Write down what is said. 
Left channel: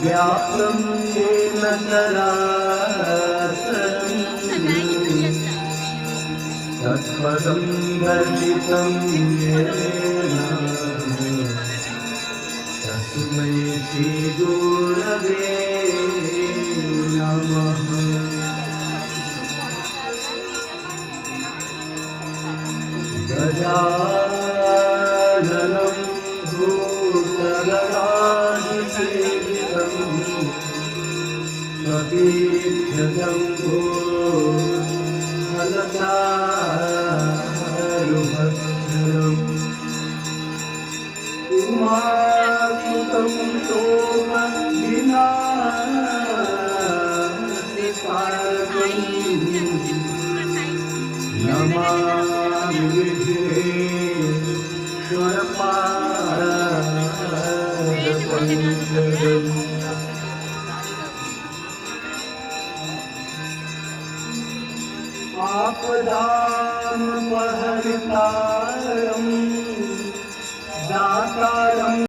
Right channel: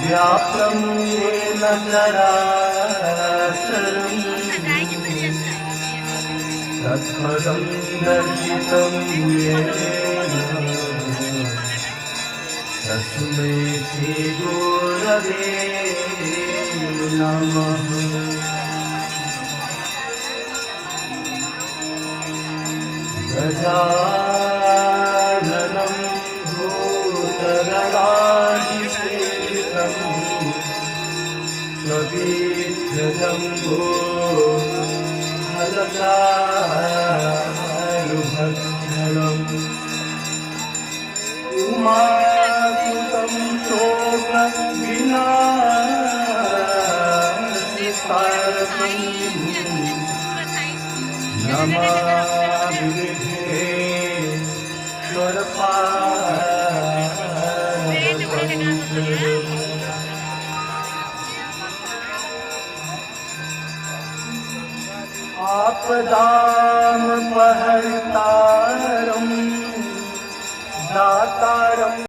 व्यापं येन चराचरं तत्पदं दर्शितं येन तस्मै श्रीगुरवे नमः। गजाननं भूतगणाधिसेवितं कपीशजम्बो फलचारुभक्षणम् उमासुतं शोकविनाशकारकम् नमामि विघ्नेश्वरपादपङ्कजम्। आपदामपहर्तारं दातारं